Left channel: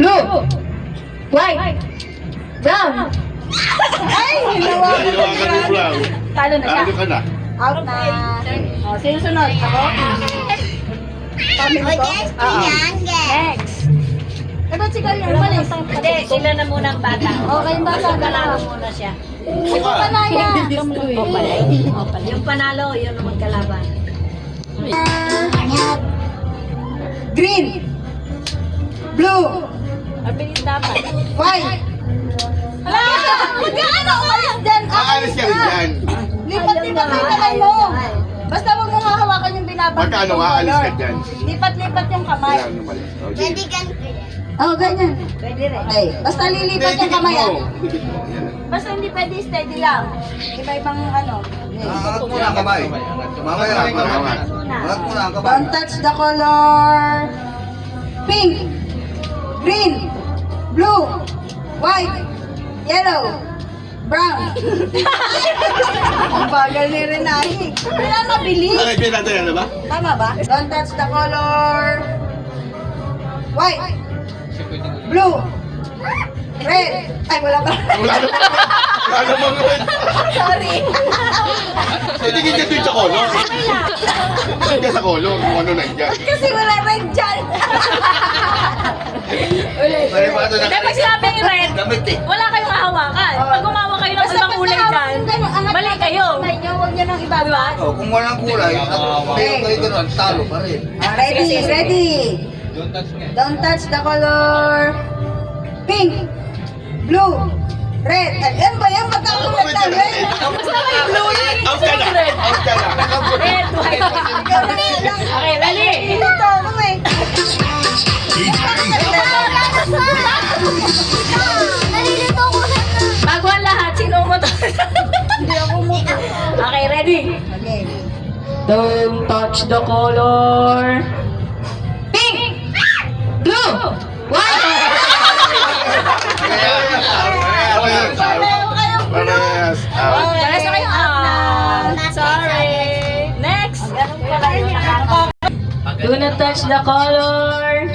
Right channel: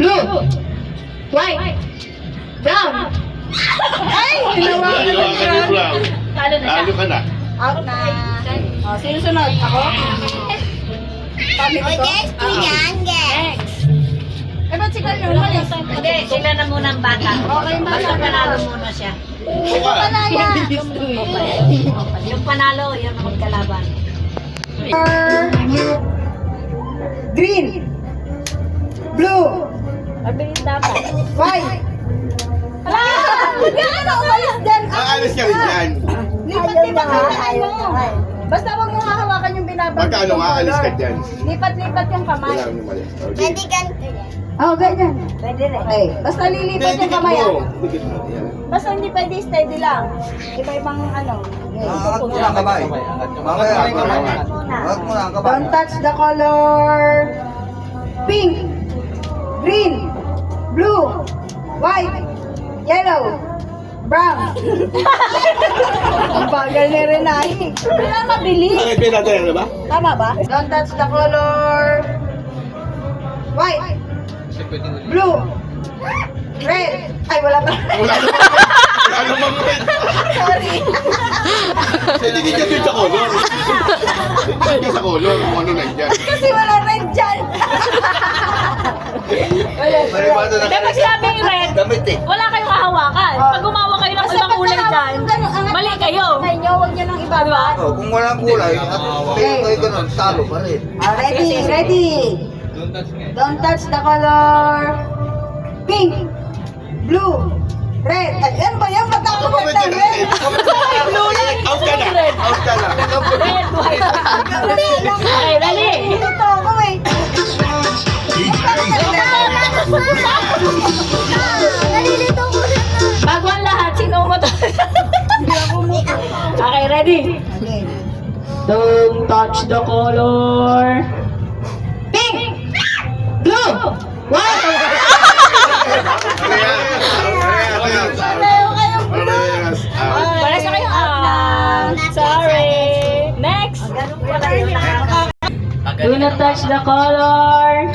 Blue. White. Brown. Ay! Talo na siya. Talo ka na. Out na. Oh, sino sunod? Ako? Kami O, ko? guys, tingnan, guys. Eh, ba't si Carlo umalis? Hindi, sila na muna ang bata. Okay, yung bata. Basta panalo muna siya. Yung panalo, yun ang magkalaban. Green. Blue. Mabilis dapat. White. Hala! Magkano ka? Dyan. Aalis ka rin dyan. Lipat-lipat yung kamay mo. Basta huwag mo hahawakan yung binabang. Magkano nga, alis ka dyan. Lipat-lipat yung kamay. Kailangan lumalis. Okay. Pwede ganito yan. Oh, ganyan. Pwede rin. Okay. Basta lilipat yung kamay. mo. Dikit mo. Yan. Basta hindi pwede steady lang. Iba-ibang ano. Angat mo na ang kamay. Mamaya. Angat mo na ang kamay. Don't touch the color. Pink. Green. Blue. White. Yellow. Brown. Ang bagal ni Renati. Kailan mabilis? Okay, pinatay ano ba? Tama ba? Don't touch the color. White. Blue. Red. Ay, wala pa. Wala naman. Wala naman red. Sorry. Tingin ka dun sa color. Tingin ka sa color kung ano nandiyan. Kasi wala red dyan. Marimado na Dapat sinabing red, damit eh. wala kayong hahawakan. Pag gumawa kayo ng ibang kulay dyan, mali kayo. Huwag niya nang ibaba. Oh, kung walang kulay, at kayo ganun, talo pa rin. Ready, ready. Don't touch the color. Pink. Blue. Red. Ayan ba yan? Magkakapat na red. Blue lang. Out ka na. Red. Out ka na. Red, white. Okay, dali. Dito ako eh. Nalilito ko na. Bago ang lahat, sino mo to? Hindi ako mo. Okay, ready? Okay. Don't touch the color. Pink. Blue. White. Parehas. Out. Para sa kayo out. Sorry. Next. Do not touch the color.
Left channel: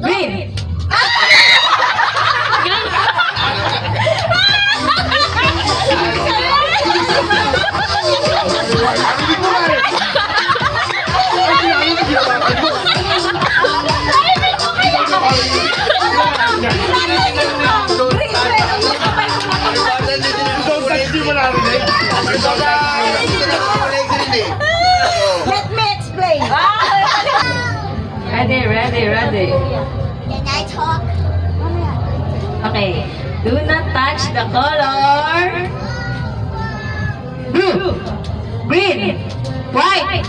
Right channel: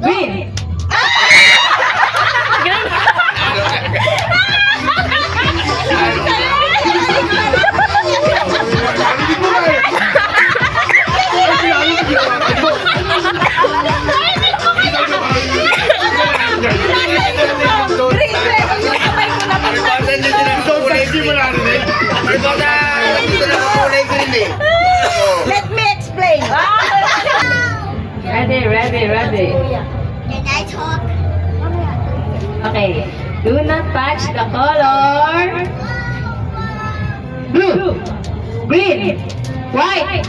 Green. Narinig mo nga eh. Ay, pinalo na ginawakan mo. Don't touch, di mo narinig. Dito na kulay green eh. Let me explain. Ready, ready, ready. Can I talk? Okay. Do not touch the color. Blue. Green. White.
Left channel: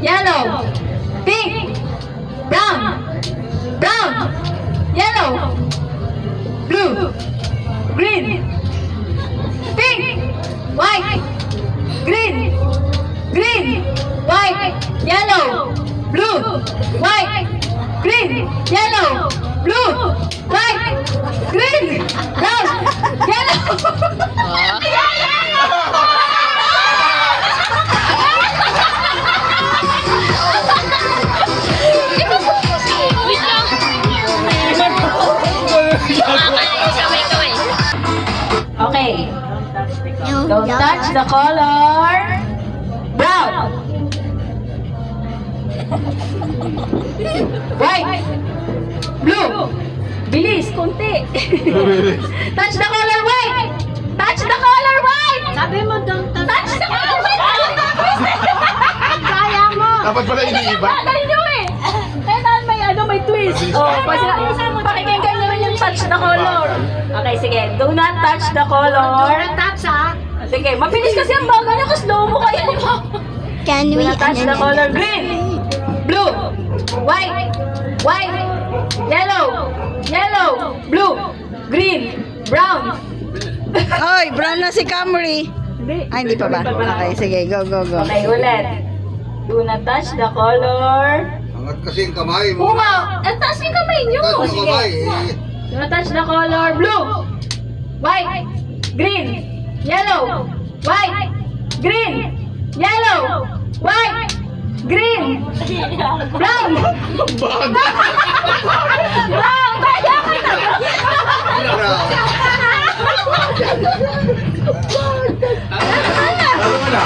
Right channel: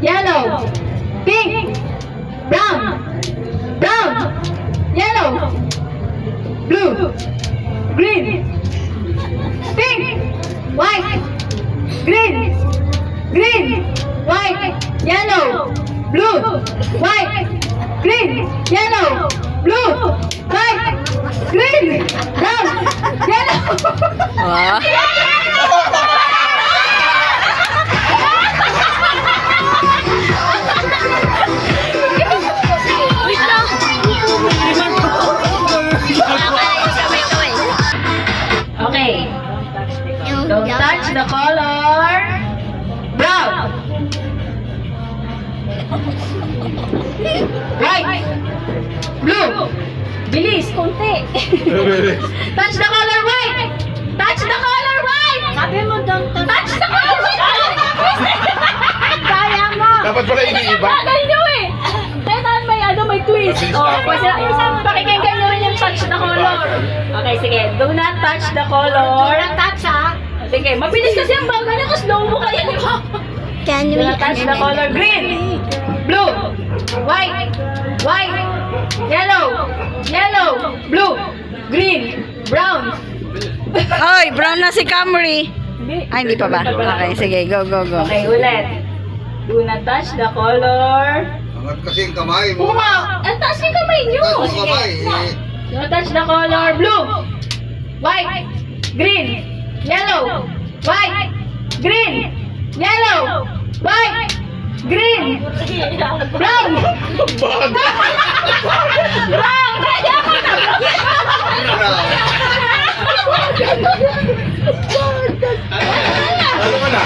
Yellow. Pink. Brown. Brown. Yellow. Blue. Green. Pink. White. Green. Green. White. Yellow. Blue. White. Green. Yellow. Blue. White. Green. Brown. Yellow. Okay. Don't touch the color. Brown. White. Blue. Bilis, konti. Touch the color white. Touch the color white. Sabi mo, don't touch. Touch the color white. Kaya mo. Dapat pala iniiba. Bagay nyo eh. Kaya may twist. Oh, pakikinggan nyo rin yung touch the color. Okay, sige. Do not touch the color. Do not touch, ha? Sige, mabilis kasi ang bagay niya kasi slow mo kayo. Can Do not touch the color. Green. Blue. White. White. Yellow. Yellow. Blue. Green. Brown. Hoy, brown na si Camry. Ay, hindi pa ba? Okay, sige. Go, go, go. Okay, ulit. Do not touch the color. Angat kasi yung kamay mo. Bunga! Ang taas yung kamay nyo! Angat mo Sige. kamay eh. Do not touch the color. Blue. White. Green. Yellow. White. Green. Yellow. White. Green. Brown. Brown. Kaya. Alam mo na.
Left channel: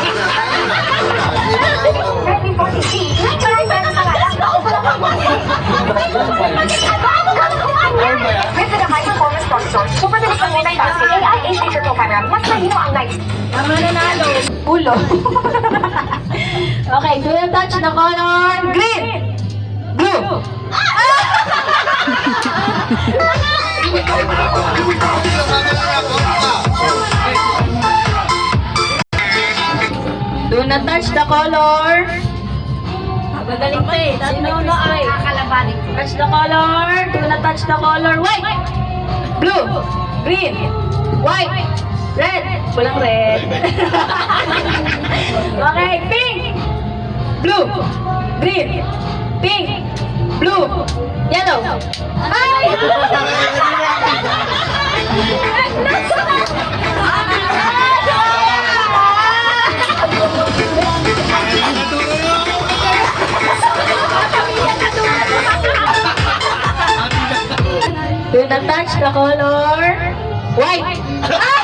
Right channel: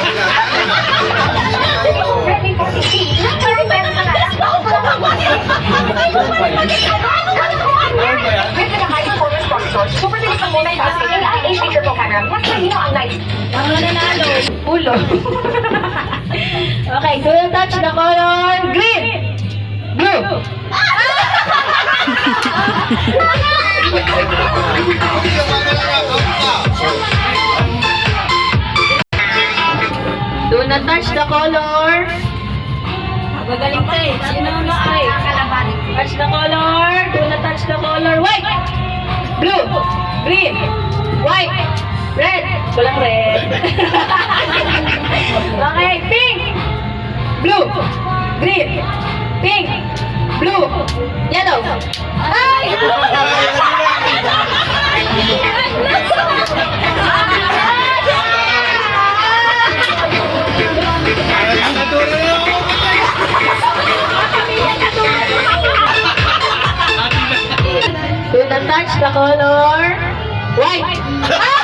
Ang nanalo. Ulo. Okay, do you touch the color green? Blue. Do not touch the color. Gagaling pa eh. Sino na ay? Touch the color. Do not touch the color. White. Blue. Green. White. Red. Walang red. Okay, pink. Blue. Green. Pink. Blue. Yellow. Ay! Do not touch the color white.